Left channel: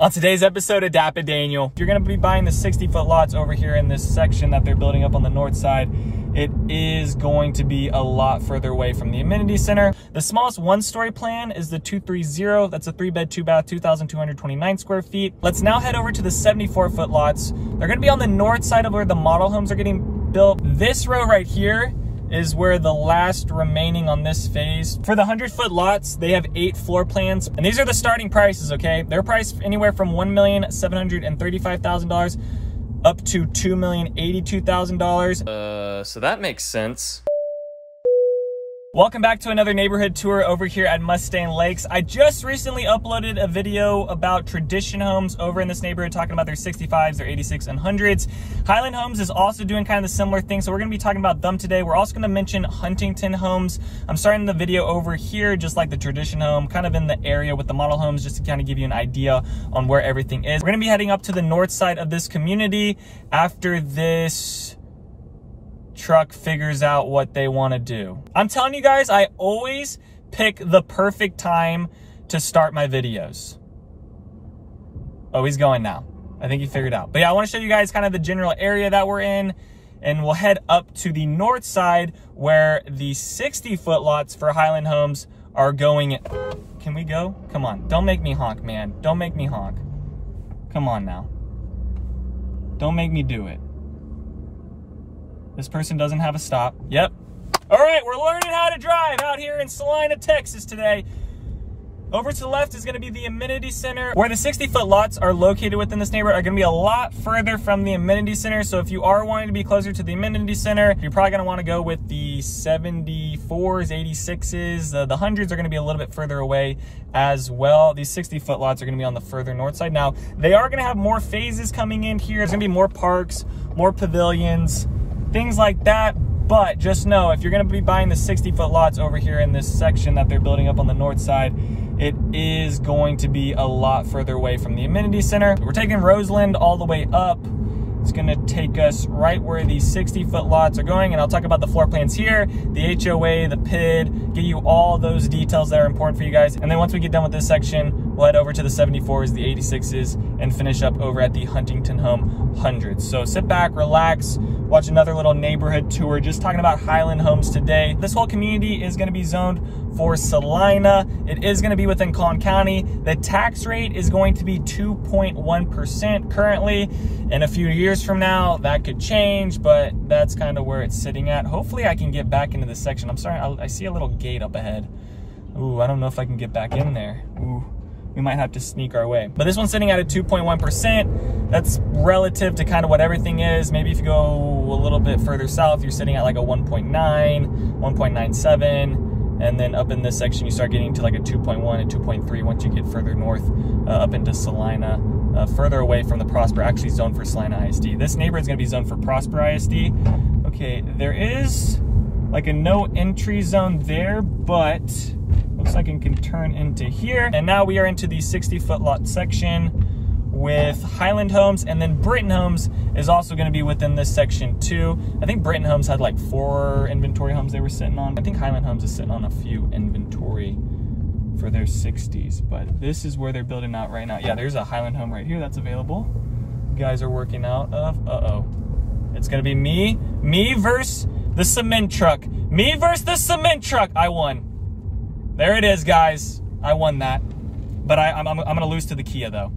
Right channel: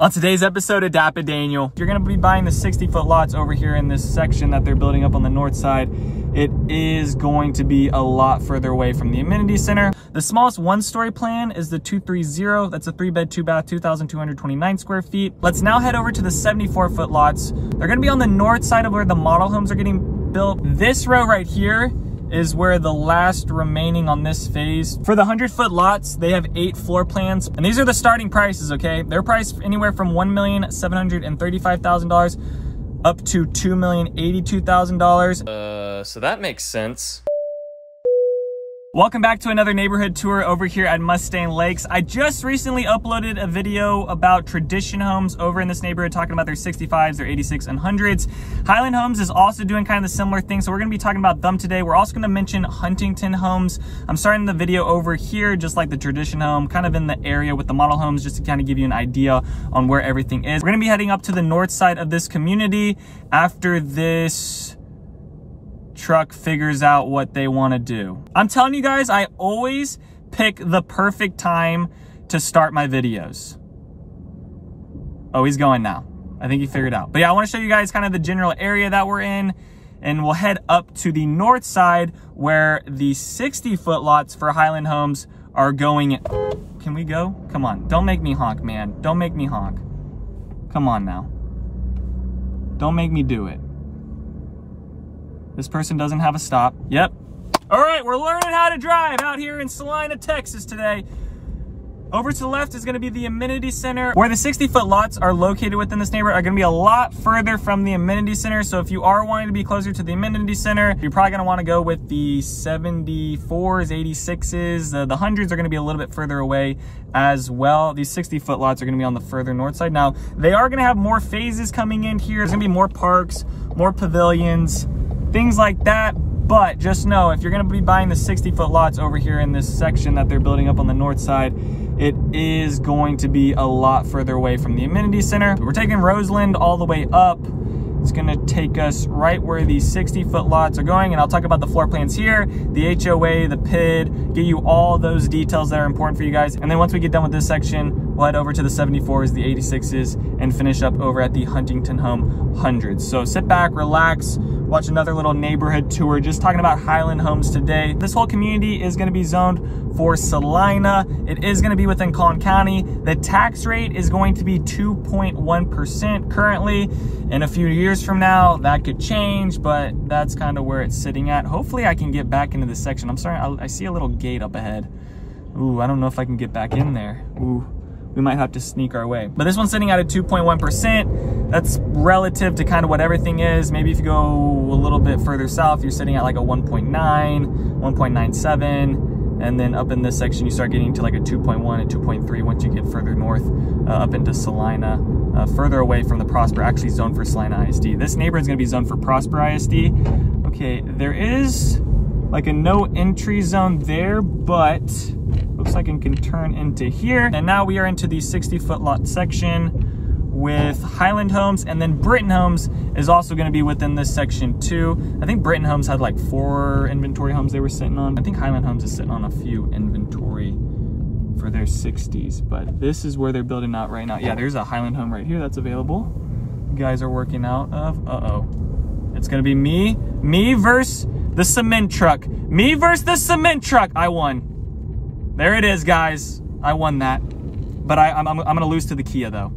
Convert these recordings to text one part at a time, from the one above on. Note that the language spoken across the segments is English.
On today's episode of DAPA.DANIEL, you're gonna be buying the 60-foot lots over here in this section that they're building up on the north side. It is going to be a lot further away from the amenity center. The smallest one-story plan is the 230. That's a 3-bed, 2-bath, 2,229 square feet. Let's now head over to the 74-foot lots. They're gonna be on the north side of where the model homes are getting built. This row right here is where the last remaining on this phase. For the 100-foot lots, they have 8 floor plans, and these are the starting prices, okay? They're priced anywhere from $1,735,000 up to $2,082,000. So that makes sense. Welcome back to another neighborhood tour over here at Mustang Lakes. I just recently uploaded a video about tradition homes over in this neighborhood, talking about their 65s, their 86 and 100s. Highland Homes is also doing kind of the similar thing, so we're gonna be talking about them today. We're also gonna mention Huntington homes. I'm starting the video over here, just like the tradition home, kind of in the area with the model homes, just to kind of give you an idea on where everything is. We're gonna be heading up to the north side of this community after this truck figures out what they want to do. I'm telling you guys, I always pick the perfect time to start my videos. Oh, he's going now. I think he figured out. But yeah, I want to show you guys kind of the general area that we're in, and we'll head up to the north side where the 60-foot lots for Highland Homes are going. Can we go? Come on. Don't make me honk, man. Don't make me honk. Come on now. Don't make me do it. This person doesn't have a stop. Yep. All right, we're learning how to drive out here in Celina, Texas today. Over to the left is gonna be the amenity center. Where the 60-foot lots are located within this neighborhood are gonna be a lot further from the amenity center. So if you are wanting to be closer to the amenity center, you're probably gonna wanna go with the 74s, 86s. The 100s are gonna be a little bit further away as well. These 60-foot lots are gonna be on the further north side. Now, they are gonna have more phases coming in here. There's gonna be more parks, more pavilions, things like that. But just know, if you're gonna be buying the 60-foot lots over here in this section that they're building up on the north side, it is going to be a lot further away from the amenity center. We're taking Roseland all the way up. It's gonna take us right where these 60-foot lots are going, and I'll talk about the floor plans here, the HOA, the PID, get you all those details that are important for you guys. And then once we get done with this section, we'll head over to the 74s, the 86s, and finish up over at the Huntington Home 100s. So sit back, relax, watch another little neighborhood tour, just talking about Highland Homes today. This whole community is gonna be zoned for Celina. It is gonna be within Collin County. The tax rate is going to be 2.1% currently. In a few years from now, that could change, but that's kind of where it's sitting at. Hopefully I can get back into this section. I'm sorry, I see a little gate up ahead. Ooh, I don't know if I can get back in there. Ooh, we might have to sneak our way. But this one's sitting at a 2.1%. That's relative to kind of what everything is. Maybe if you go a little bit further south, you're sitting at like a 1.9, 1.97. And then up in this section, you start getting to like a 2.1 and 2.3 once you get further north up into Celina, further away from the Prosper, actually zoned for Celina ISD. This neighborhood is gonna be zoned for Prosper ISD. Okay, there is like a no entry zone there, but looks like it can turn into here. And now we are into the 60-foot lot section with Highland Homes, and then Britton Homes is also going to be within this section too. I think Britton Homes had like 4 inventory homes they were sitting on. I think Highland Homes is sitting on a few inventory for their 60s, but this is where they're building out right now. Yeah, there's a Highland Home right here that's available. You guys are working out of, it's going to be me versus the cement truck. Me versus the cement truck. I won. There it is, guys. I won that. But I'm going to lose to the Kia though.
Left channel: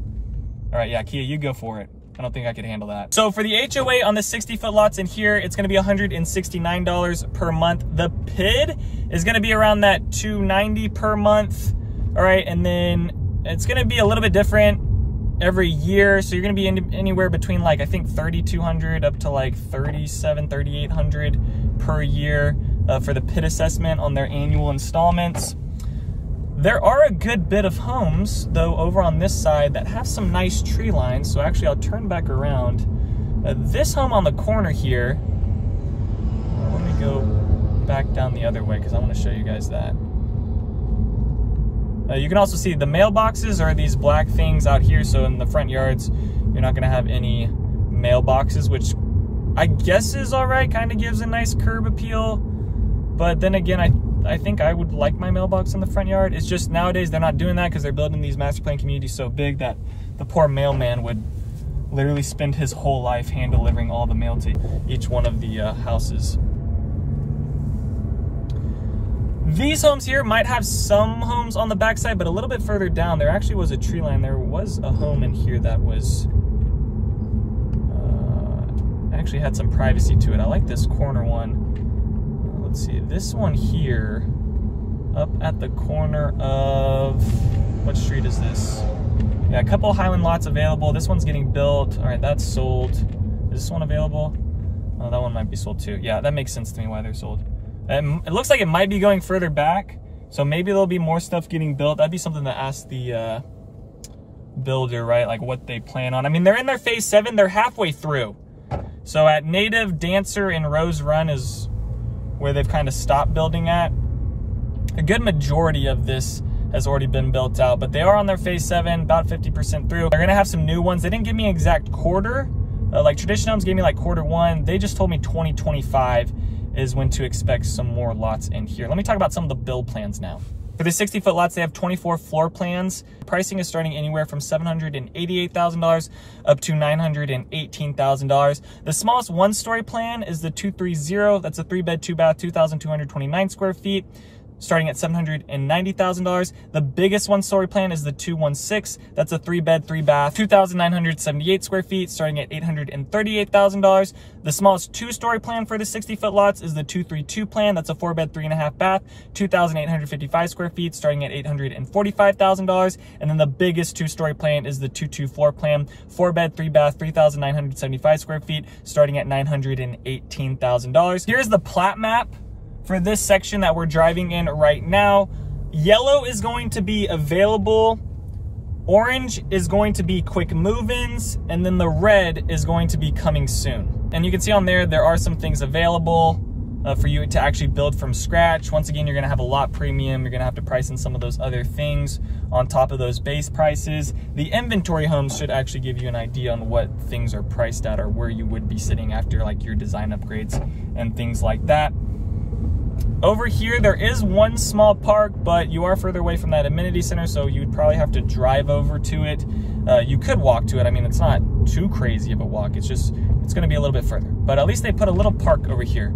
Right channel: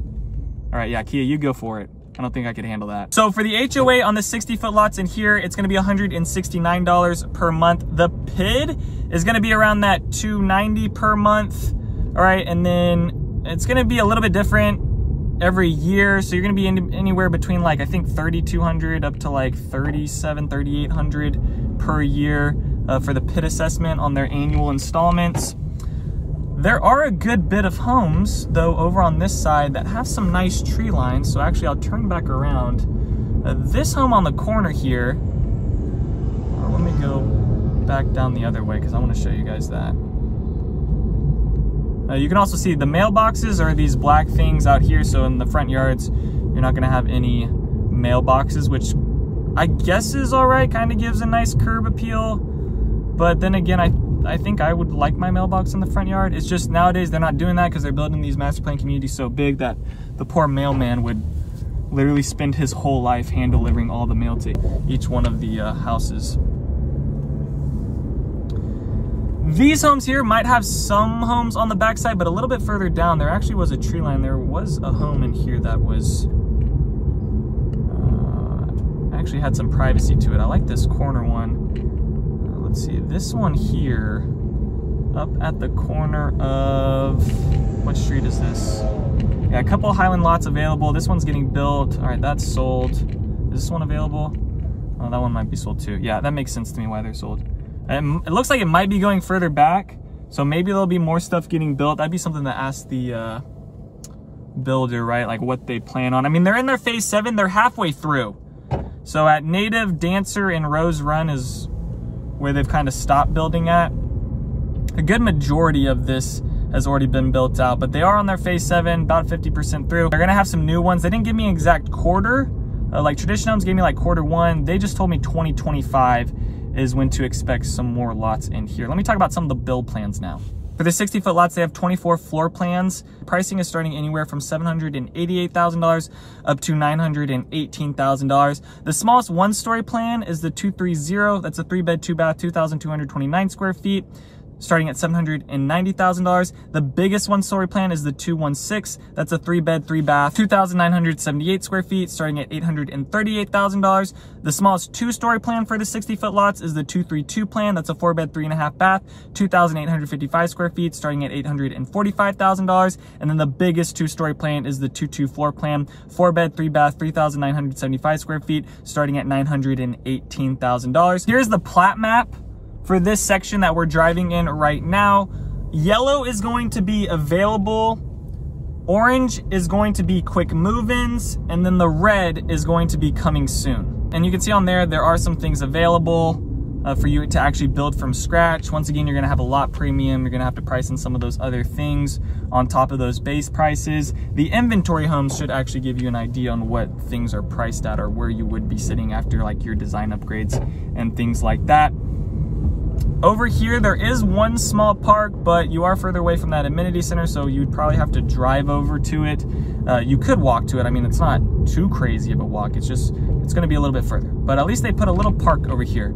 All right, yeah, Kia, you go for it. I don't think I could handle that. So for the HOA on the 60-foot lots in here, it's gonna be $169 per month. The PID is gonna be around that $290 per month. All right, and then it's gonna be a little bit different every year. So you're gonna be anywhere between like, I think $3,200 up to like $3,700, $3,800 per year for the PID assessment on their annual installments. There are a good bit of homes, though, over on this side that have some nice tree lines. So actually, I'll turn back around. This home on the corner here, let me go back down the other way because I want to show you guys that. You can also see the mailboxes are these black things out here. So in the front yards, you're not going to have any mailboxes, which I guess is all right. Kind of gives a nice curb appeal. But then again, I think I would like my mailbox in the front yard. It's just nowadays they're not doing that because they're building these master plan communities so big that the poor mailman would literally spend his whole life hand delivering all the mail to each one of the houses. These homes here might have some homes on the backside, but a little bit further down, there actually was a tree line. There was a home in here that was, actually had some privacy to it. I like this corner one. Let's see, this one here, up at the corner of, what street is this? Yeah, a couple of Highland lots available. This one's getting built. All right, that's sold. Is this one available? Oh, that one might be sold too. Yeah, that makes sense to me why they're sold. It looks like it might be going further back, so maybe there'll be more stuff getting built. That'd be something to ask the builder, right? Like what they plan on. I mean, they're in their phase 7. They're halfway through. So at Native, Dancer, and Rose Run is where they've kind of stopped building at. A good majority of this has already been built out, but they are on their phase 7, about 50% through. They're gonna have some new ones. They didn't give me an exact quarter. Like Tradition Homes gave me like Q1. They just told me 2025 is when to expect some more lots in here. Let me talk about some of the build plans now. For the 60-foot lots, they have 24 floor plans. Pricing is starting anywhere from $788,000 up to $918,000. The smallest one-story plan is the 230. That's a 3-bed, 2-bath, 2,229 square feet, starting at $790,000. The biggest one-story plan is the 216. That's a 3-bed, 3-bath, 2,978 square feet, starting at $838,000. The smallest two-story plan for the 60-foot lots is the 232 plan. That's a 4-bed, 3.5-bath, 2,855 square feet, starting at $845,000. And then the biggest two-story plan is the 224 plan, 4-bed, 3-bath, 3,975 square feet, starting at $918,000. Here's the plat map for this section that we're driving in right now. Yellow is going to be available, orange is going to be quick move-ins, and then the red is going to be coming soon. And you can see on there are some things available for you to actually build from scratch. Once again, you're gonna have a lot premium. You're gonna have to price in some of those other things on top of those base prices. The inventory homes should actually give you an idea on what things are priced at or where you would be sitting after like your design upgrades and things like that. Over here, there is one small park, but you are further away from that amenity center, so you'd probably have to drive over to it. You could walk to it. I mean, it's not too crazy of a walk. It's gonna be a little bit further, but at least they put a little park over here.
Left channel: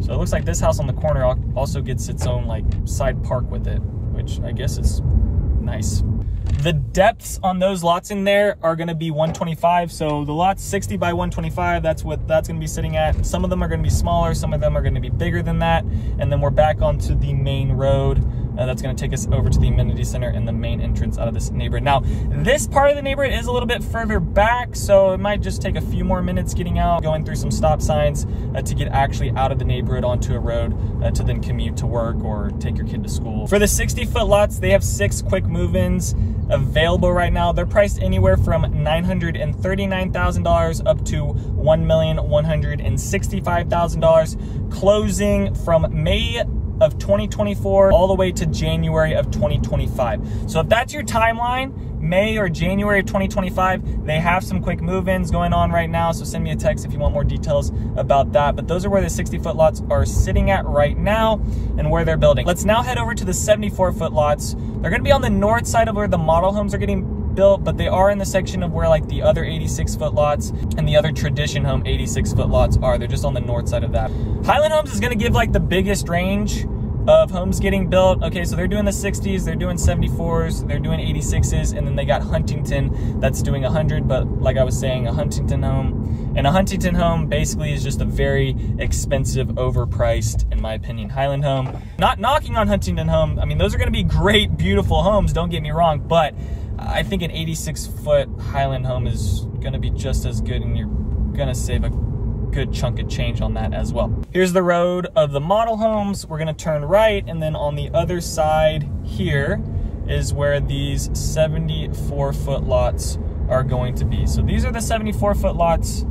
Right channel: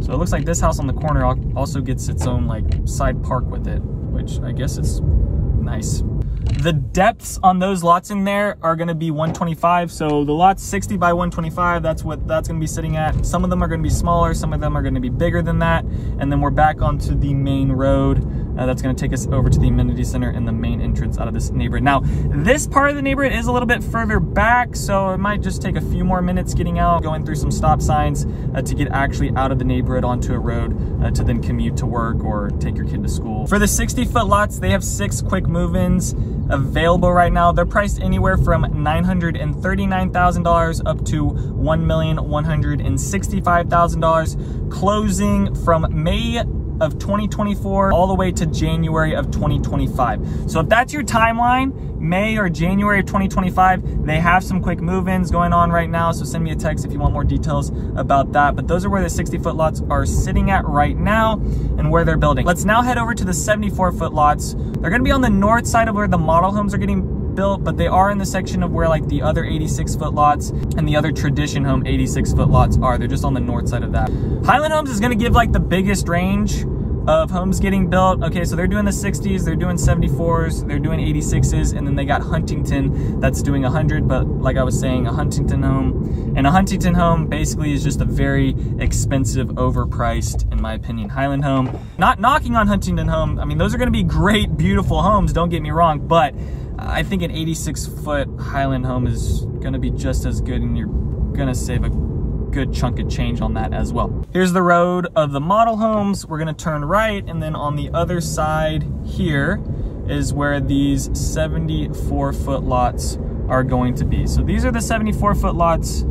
So it looks like this house on the corner also gets its own like side park with it, which I guess is nice. The depths on those lots in there are gonna be 125. So the lots 60 by 125, that's what that's gonna be sitting at. Some of them are gonna be smaller, some of them are gonna be bigger than that. And then we're back onto the main road. That's gonna take us over to the amenity center and the main entrance out of this neighborhood. Now, this part of the neighborhood is a little bit further back, so it might just take a few more minutes getting out, going through some stop signs to get actually out of the neighborhood onto a road to then commute to work or take your kid to school. For the 60-foot lots, they have 6 quick move-ins available right now. They're priced anywhere from $939,000 up to $1,165,000, closing from May of 2024 all the way to January of 2025. So if that's your timeline, May or January of 2025, they have some quick move-ins going on right now, so send me a text if you want more details about that. But those are where the 60-foot lots are sitting at right now and where they're building. Let's now head over to the 74-foot lots. They're gonna be on the north side of where the model homes are getting built, but they are in the section of where like the other 86-foot lots and the other Tradition Home 86-foot lots are. They're just on the north side of that. Highland Homes is gonna give like the biggest range of homes getting built. Okay, so they're doing the 60s, they're doing 74s, they're doing 86s, and then they got Huntington that's doing 100, but like I was saying, a Huntington home. And a Huntington home basically is just a very expensive, overpriced, in my opinion, Highland home. Not knocking on Huntington home. I mean, those are gonna be great, beautiful homes, don't get me wrong, but I think an 86-foot Highland home is gonna be just as good, and you're gonna save a good chunk of change on that as well. Here's the road of the model homes. We're gonna turn right, and then on the other side here is where these 74-foot lots are going to be. So these are the 74-foot lots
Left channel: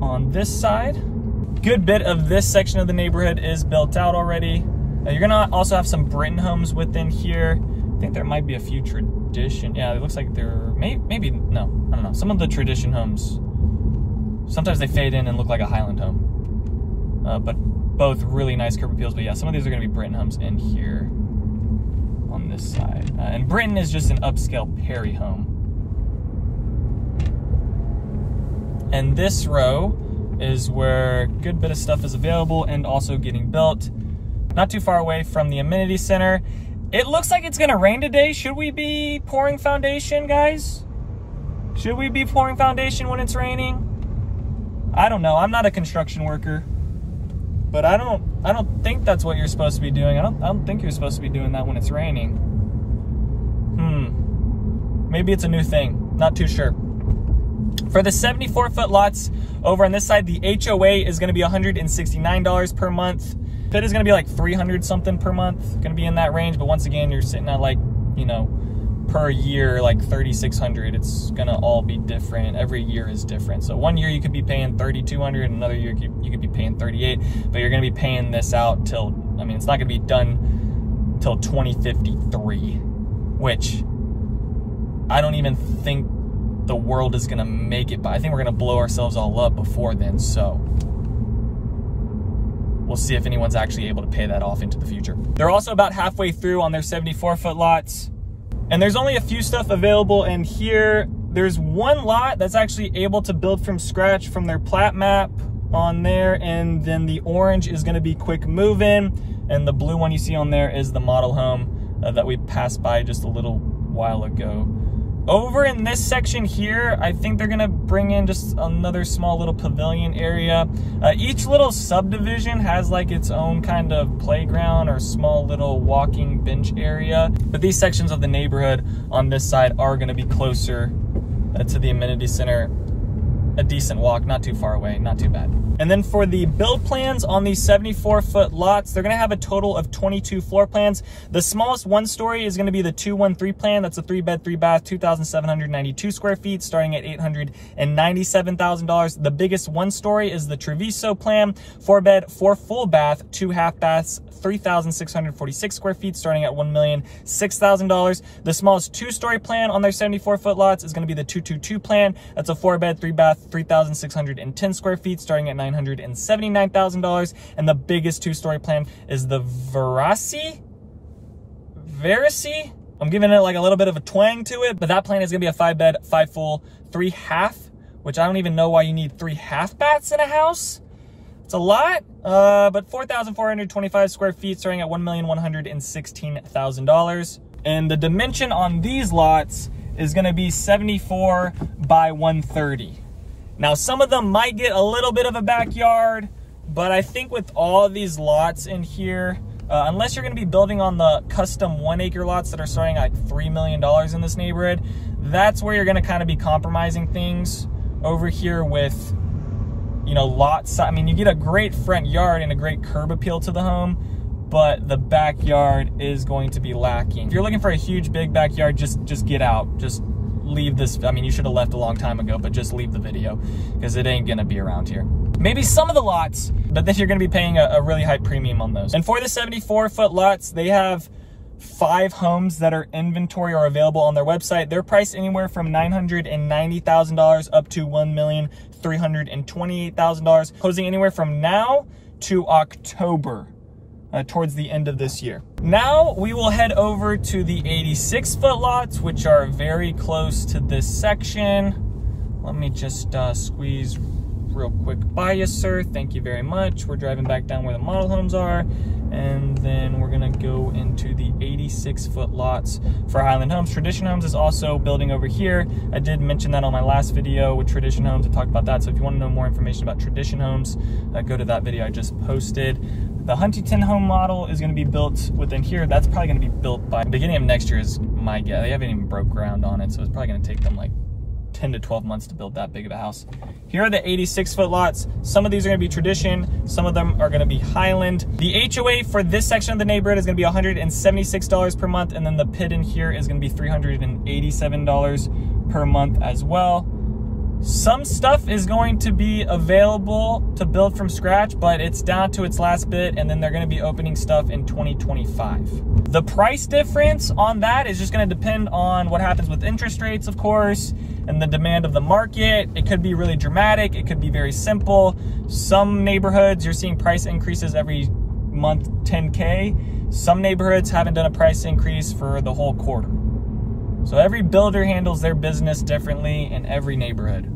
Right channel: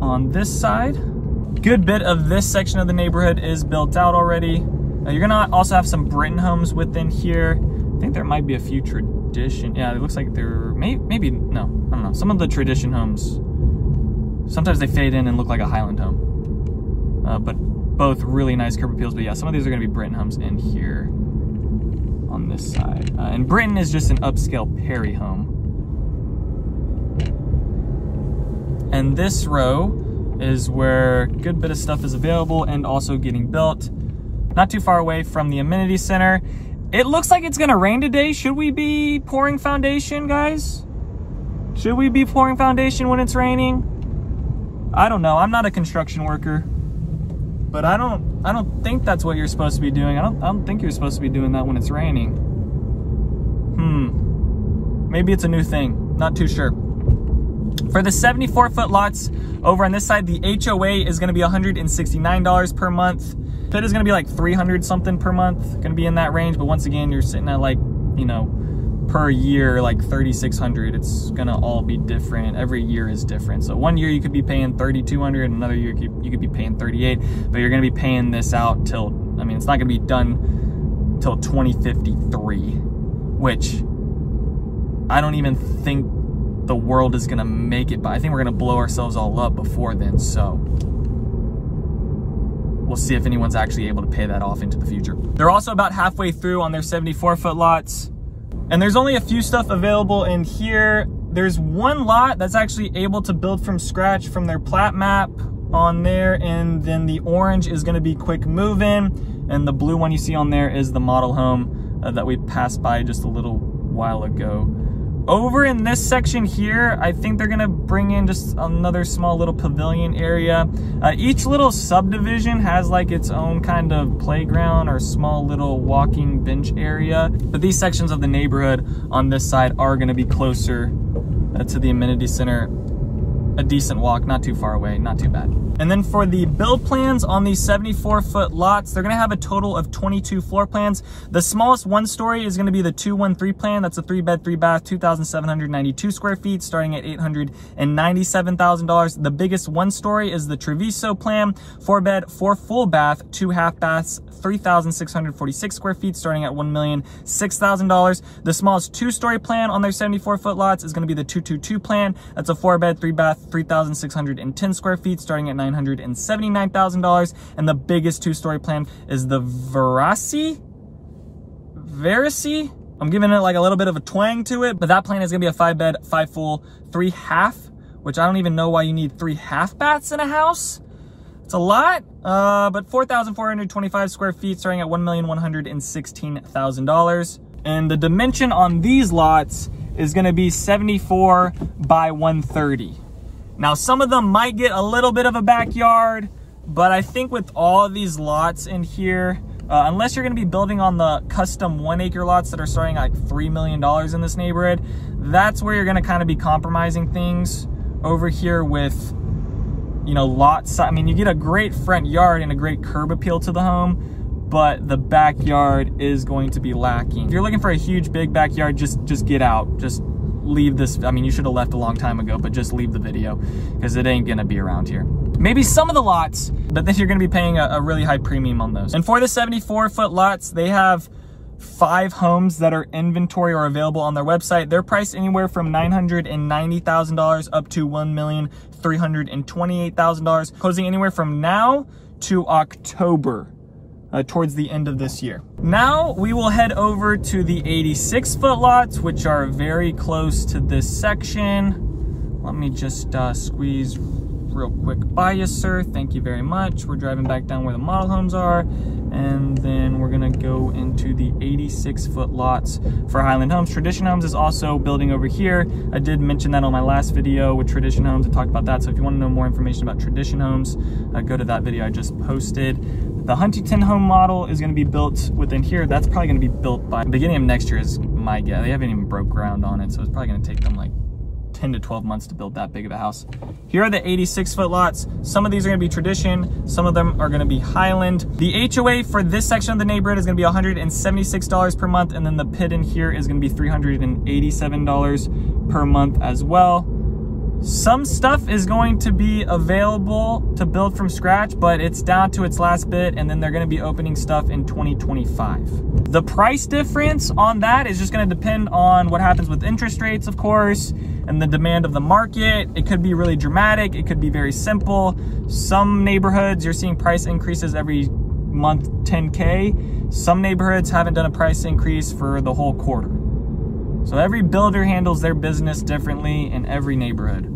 on this side. Good bit of this section of the neighborhood is built out already. You're gonna also have some Britain homes within here. I think there might be a few Tradition. Yeah, it looks like there maybe no, I don't know. Some of the Tradition homes, sometimes they fade in and look like a Highland home, but both really nice curb appeals. But yeah, some of these are gonna be Britain homes in here on this side. And Britain is just an upscale Perry home. And this row is where a good bit of stuff is available and also getting built. Not too far away from the amenity center. It looks like it's gonna rain today. Should we be pouring foundation, guys? Should we be pouring foundation when it's raining? I don't know. I'm not a construction worker, but I don't think that's what you're supposed to be doing. I don't think you're supposed to be doing that when it's raining. Maybe it's a new thing. Not too sure. For the 74-foot lots over on this side, the HOA is going to be $169 per month. Pit is going to be like 300 something per month. Going to be in that range, but once again, you're sitting at like, you know, per year like 3,600. It's going to all be different. Every year is different. So one year you could be paying 3,200, another year you could be paying 38, but you're going to be paying this out till, I mean, it's not going to be done till 2053, which I don't even think the world is gonna make it, but I think we're gonna blow ourselves all up before then, so we'll see if anyone's actually able to pay that off into the future. They're also about halfway through on their 74-foot lots, and there's only a few stuff available in here. There's one lot that's actually able to build from scratch from their plat map on there, and then the orange is gonna be quick move-in, and the blue one you see on there is the model home that we passed by just a little while ago. Over in this section here, I think they're gonna bring in just another small little pavilion area. Each little subdivision has like its own kind of playground or small little walking bench area. But these sections of the neighborhood on this side are gonna be closer to the amenity center. A decent walk, not too far away, not too bad. And then for the build plans on these 74-foot lots, they're gonna have a total of 22 floor plans. The smallest one-story is gonna be the 213 plan. That's a 3-bed, 3-bath, 2,792 square feet, starting at $897,000. The biggest one-story is the Treviso plan, 4-bed, 4 full bath, 2 half baths, 3,646 square feet, starting at $1,006,000. The smallest 2-story plan on their 74-foot lots is gonna be the 222 plan. That's a 4-bed, 3-bath, 3,610 square feet, starting at $979,000. And the biggest 2-story plan is the Verasi? I'm giving it like a little bit of a twang to it, but that plan is gonna be a 5-bed, 5 full, 3 half, which I don't even know why you need 3 half baths in a house. It's a lot, but 4,425 square feet, starting at $1,116,000. And the dimension on these lots is gonna be 74 by 130. Now, some of them might get a little bit of a backyard, but I think with all of these lots in here, unless you're gonna be building on the custom 1-acre lots that are starting at like $3 million in this neighborhood, that's where you're gonna kind of be compromising things. Over here with, you know, lots. I mean, you get a great front yard and a great curb appeal to the home, but the backyard is going to be lacking. If you're looking for a huge, big backyard, just get out. Just leave this. I mean, you should have left a long time ago, but just leave the video because it ain't gonna be around here. Maybe some of the lots, but then you're gonna be paying a really high premium on those. And for the 74-foot lots, they have 5 homes that are inventory or available on their website. They're priced anywhere from $990,000 up to $1,328,000, closing anywhere from now to October. Towards the end of this year. Now we will head over to the 86-foot lots, which are very close to this section. Let me just squeeze real quick by you, sir. Thank you very much. We're driving back down where the model homes are, and then we're gonna go into the 86-foot lots for Highland Homes. Tradition Homes is also building over here. I did mention that on my last video with Tradition Homes. I talked about that, so if you want to know more information about Tradition Homes, go to that video I just posted. The Huntington home model is going to be built within here. That's probably going to be built by the beginning of next year is my guess. They haven't even broke ground on it, so it's probably going to take them like 10 to 12 months to build that big of a house. Here are the 86-foot lots. Some of these are going to be Tradition. Some of them are going to be Highland. The HOA for this section of the neighborhood is going to be $176 per month, and then the PID in here is going to be $387 per month as well. Some stuff is going to be available to build from scratch, but it's down to its last bit, and then they're going to be opening stuff in 2025. The price difference on that is just going to depend on what happens with interest rates, of course, and the demand of the market. It could be really dramatic. It could be very simple. Some neighborhoods, you're seeing price increases every month, 10K. Some neighborhoods haven't done a price increase for the whole quarter. So every builder handles their business differently in every neighborhood.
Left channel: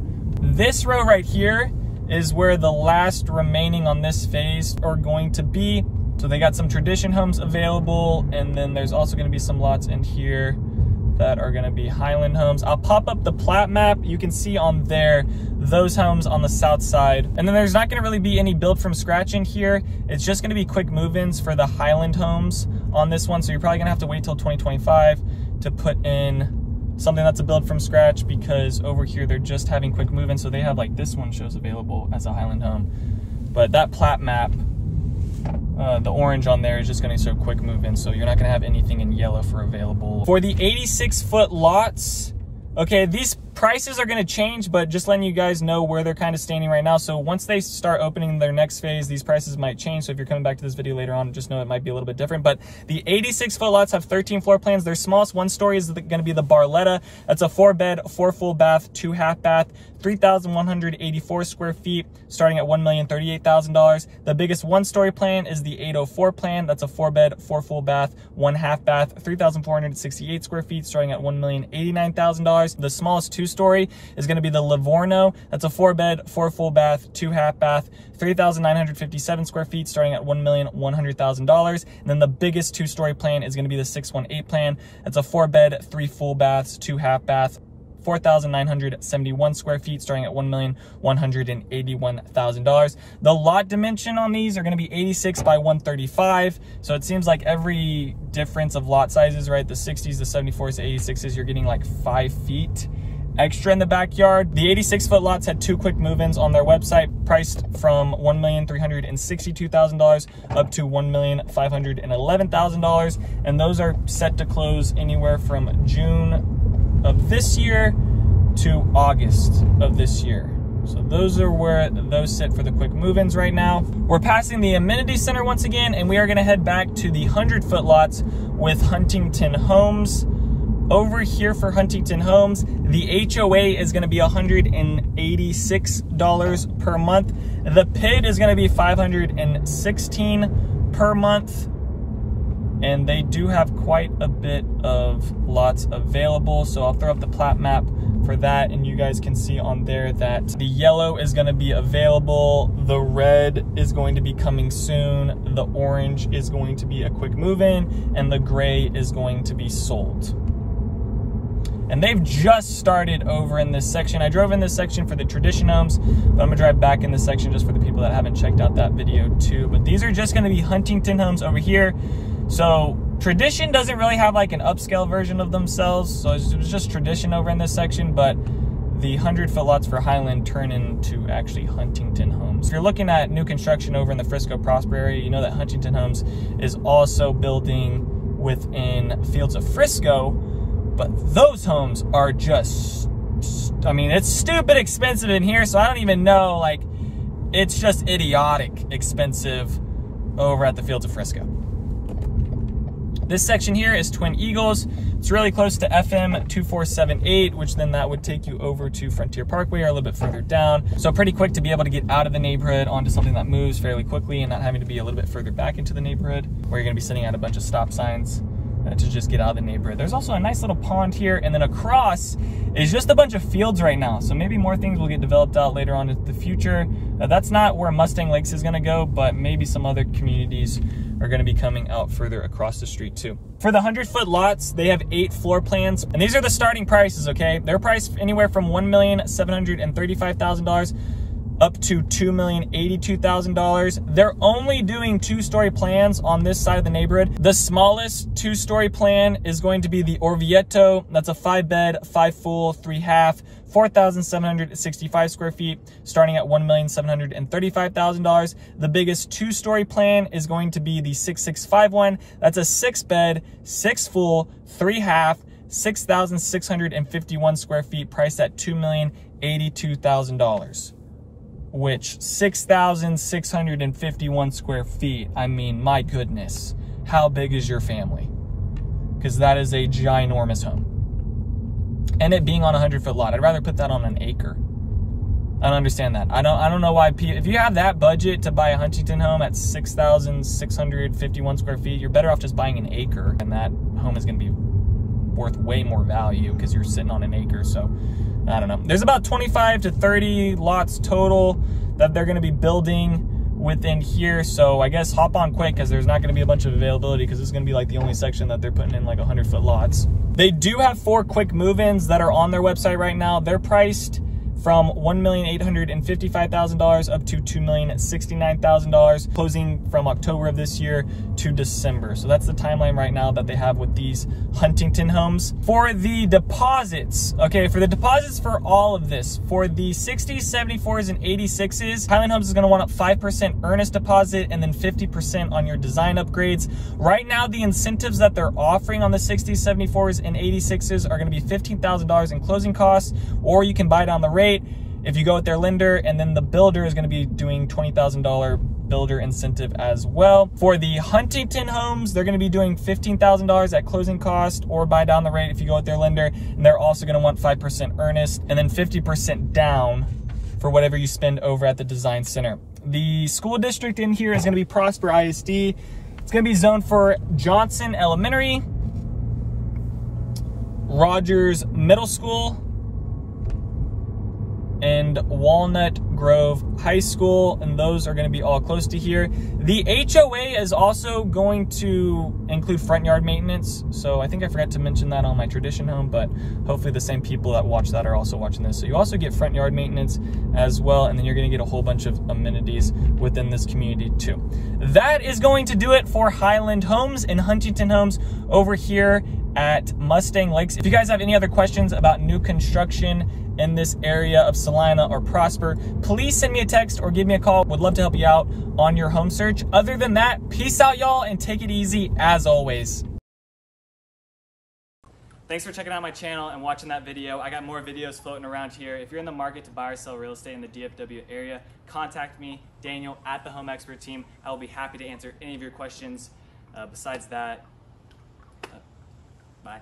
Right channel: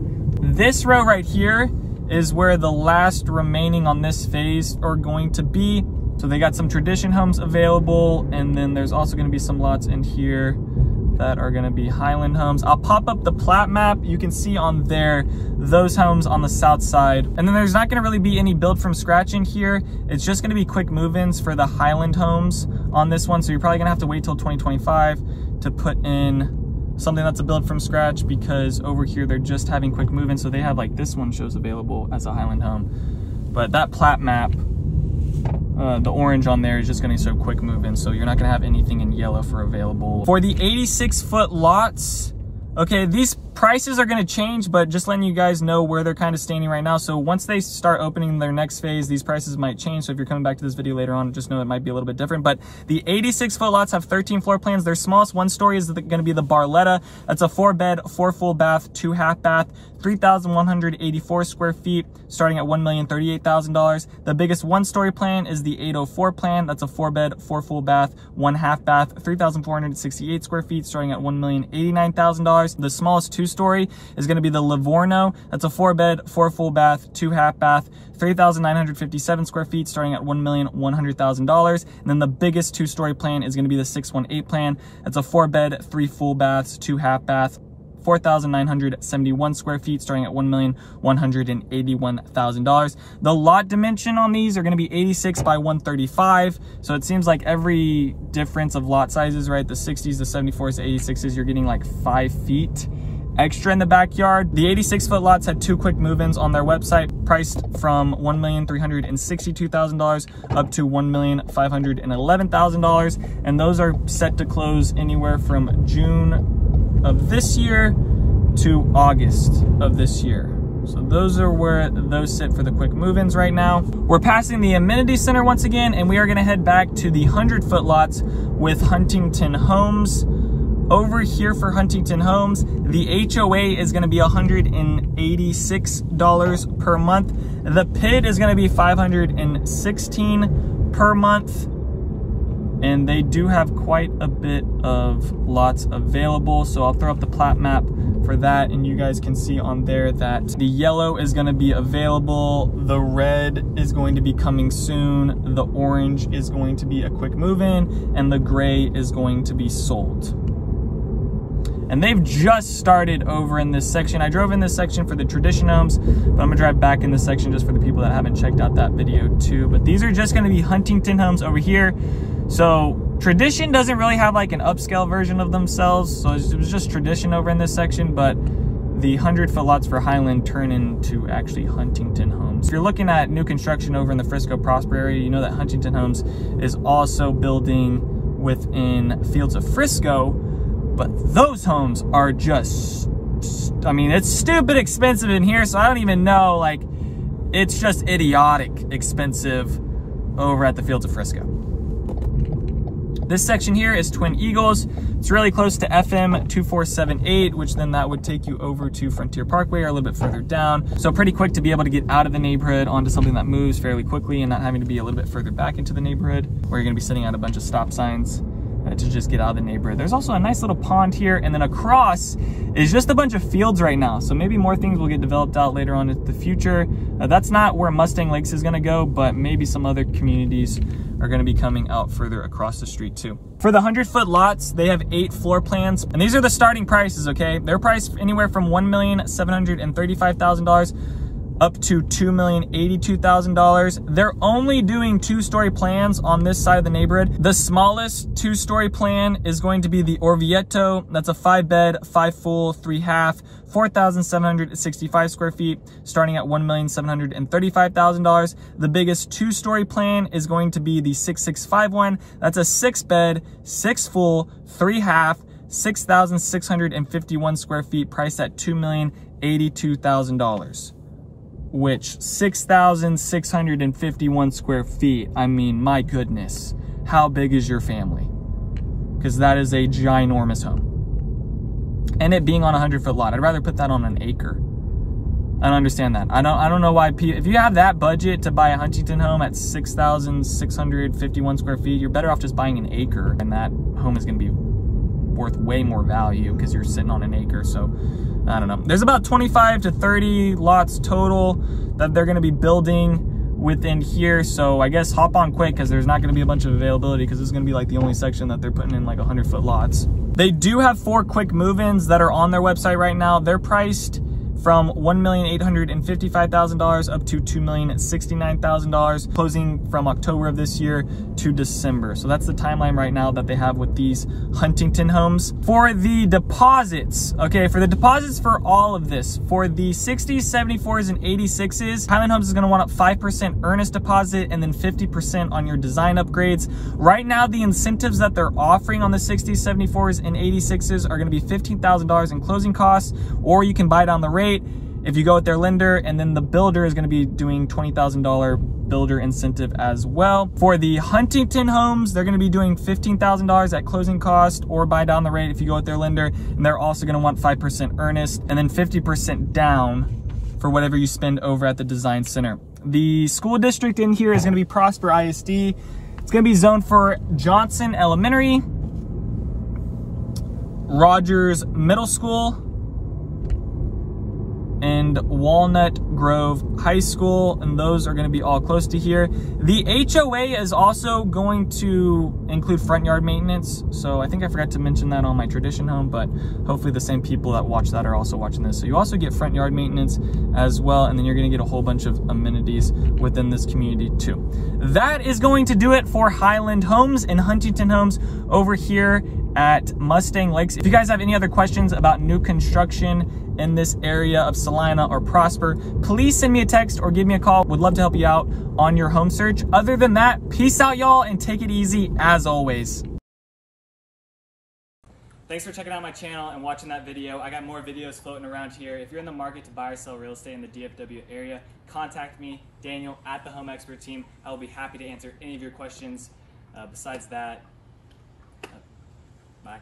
This row right here is where the last remaining on this phase are going to be. So they got some tradition homes available, and then there's also going to be some lots in here that are going to be Highland homes. I'll pop up the plat map. You can see on there those homes on the south side. And then there's not going to really be any build from scratch in here. It's just going to be quick move-ins for the Highland homes on this one. So you're probably going to have to wait till 2025 to put in something that's a build from scratch, because over here they're just having quick move-in. So they have, like, this one shows available as a Highland home. But that plat map, the orange on there is just going to show quick move-in, so you're not going to have anything in yellow for available. For the 86-foot lots, okay, these prices are going to change, but just letting you guys know where they're kind of standing right now. So once they start opening their next phase, these prices might change. So if you're coming back to this video later on, just know it might be a little bit different. But the 86-foot lots have 13 floor plans. Their smallest one story is going to be the Barletta. That's a 4-bed, 4 full bath, 2 half bath, 3,184 square feet, starting at $1,038,000. The biggest one-story plan is the 804 plan. That's a 4-bed, 4 full bath, 1 half bath, 3,468 square feet, starting at $1,089,000. The smallest two-story is going to be the Livorno. That's a 4-bed, 4 full bath, 2 half bath, 3,957 square feet, starting at $1,100,000. And then the biggest two-story plan is going to be the 618 plan. That's a 4-bed, 3 full baths, 2 half bath, 4,971 square feet, starting at $1,181,000. The lot dimension on these are going to be 86 by 135. So it seems like every difference of lot sizes, right? The 60s, the 74s, the 86s, you're getting like 5 feet extra in the backyard. The 86-foot lots had 2 quick move-ins on their website, priced from $1,362,000 up to $1,511,000. And those are set to close anywhere from June of this year to August of this year. So those are where those sit for the quick move-ins right now. We're passing the amenity center once again, and we are going to head back to the 100-foot lots with Huntington Homes. Over here for Huntington Homes, the HOA is going to be $186 per month. The PID is going to be $516 per month. And they do have quite a bit of lots available. So I'll throw up the plat map for that, and you guys can see on there that the yellow is going to be available, the red is going to be coming soon, the orange is going to be a quick move-in, and the gray is going to be sold. And they've just started over in this section. I drove in this section for the tradition homes, but I'm gonna drive back in this section just for the people that haven't checked out that video too. But these are just gonna be Huntington homes over here. So tradition doesn't really have like an upscale version of themselves. So it was just tradition over in this section, but the 100-foot lots for Highland turn into actually Huntington homes. If you're looking at new construction over in the Frisco Prosper area, you know that Huntington Homes is also building within Fields of Frisco. But those homes are just, I mean, it's stupid expensive in here, so I don't even know, like, it's just idiotic expensive over at the Fields of Frisco. This section here is Twin Eagles. It's really close to FM 2478, which then that would take you over to Frontier Parkway or a little bit further down. So pretty quick to be able to get out of the neighborhood onto something that moves fairly quickly and not having to be a little bit further back into the neighborhood where you're gonna be sitting at a bunch of stop signs to just get out of the neighborhood. There's also a nice little pond here, and then across is just a bunch of fields right now. So maybe more things will get developed out later on in the future. That's not where Mustang Lakes is gonna go, but maybe some other communities are gonna be coming out further across the street too. For the 100-foot lots, they have 8 floor plans, and these are the starting prices, okay? They're priced anywhere from $1,735,000 up to $2,082,000. They're only doing 2-story plans on this side of the neighborhood. The smallest 2-story plan is going to be the Orvieto. That's a 5-bed, 5 full, 3 half, 4,765 square feet, starting at $1,735,000. The biggest 2-story plan is going to be the 6651. That's a 6-bed, 6 full, 3 half, 6,651 square feet, priced at $2,082,000. Which 6,651 square feet, I mean, my goodness, how big is your family? Because that is a ginormous home. And it being on a 100-foot lot, I'd rather put that on an acre. I don't understand that. I don't know why people, if you have that budget to buy a Huntington home at 6,651 square feet, you're better off just buying an acre, and that home is gonna be worth way more value because you're sitting on an acre. So I don't know. There's about 25 to 30 lots total that they're going to be building within here. So I guess hop on quick, because there's not going to be a bunch of availability, because this is going to be like the only section that they're putting in like 100-foot lots. They do have 4 quick move-ins that are on their website right now. They're priced from $1,855,000 up to $2,069,000, closing from October of this year to December. So that's the timeline right now that they have with these Huntington homes. For the deposits, okay, for the deposits for all of this, for the 60s, 74s, and 86s, Highland Homes is gonna want a 5% earnest deposit and then 50% on your design upgrades. Right now, the incentives that they're offering on the 60s, 74s, and 86s are gonna be $15,000 in closing costs, or you can buy down the rate if you go with their lender, and then the builder is going to be doing $20,000 builder incentive as well. For the Huntington homes, they're going to be doing $15,000 at closing cost, or buy down the rate if you go with their lender, and they're also going to want 5% earnest and then 50% down for whatever you spend over at the design center. The school district in here is going to be Prosper ISD. It's going to be zoned for Johnson Elementary, Rogers Middle School, and Walnut Grove High School, and those are going to be all close to here. The HOA is also going to include front yard maintenance, so I think I forgot to mention that on my tradition home, but hopefully the same people that watch that are also watching this. So you also get front yard maintenance as well, and then you're going to get a whole bunch of amenities within this community too. That is going to do it for Highland Homes and Huntington Homes over here at Mustang Lakes. If you guys have any other questions about new construction in this area of Celina or Prosper, please send me a text or give me a call. Would love to help you out on your home search. Other than that, peace out, y'all, and take it easy as always. Thanks for checking out my channel and watching that video. I got more videos floating around here. If you're in the market to buy or sell real estate in the DFW area, contact me, Daniel, at the Home Expert Team. I will be happy to answer any of your questions. Besides that, bye.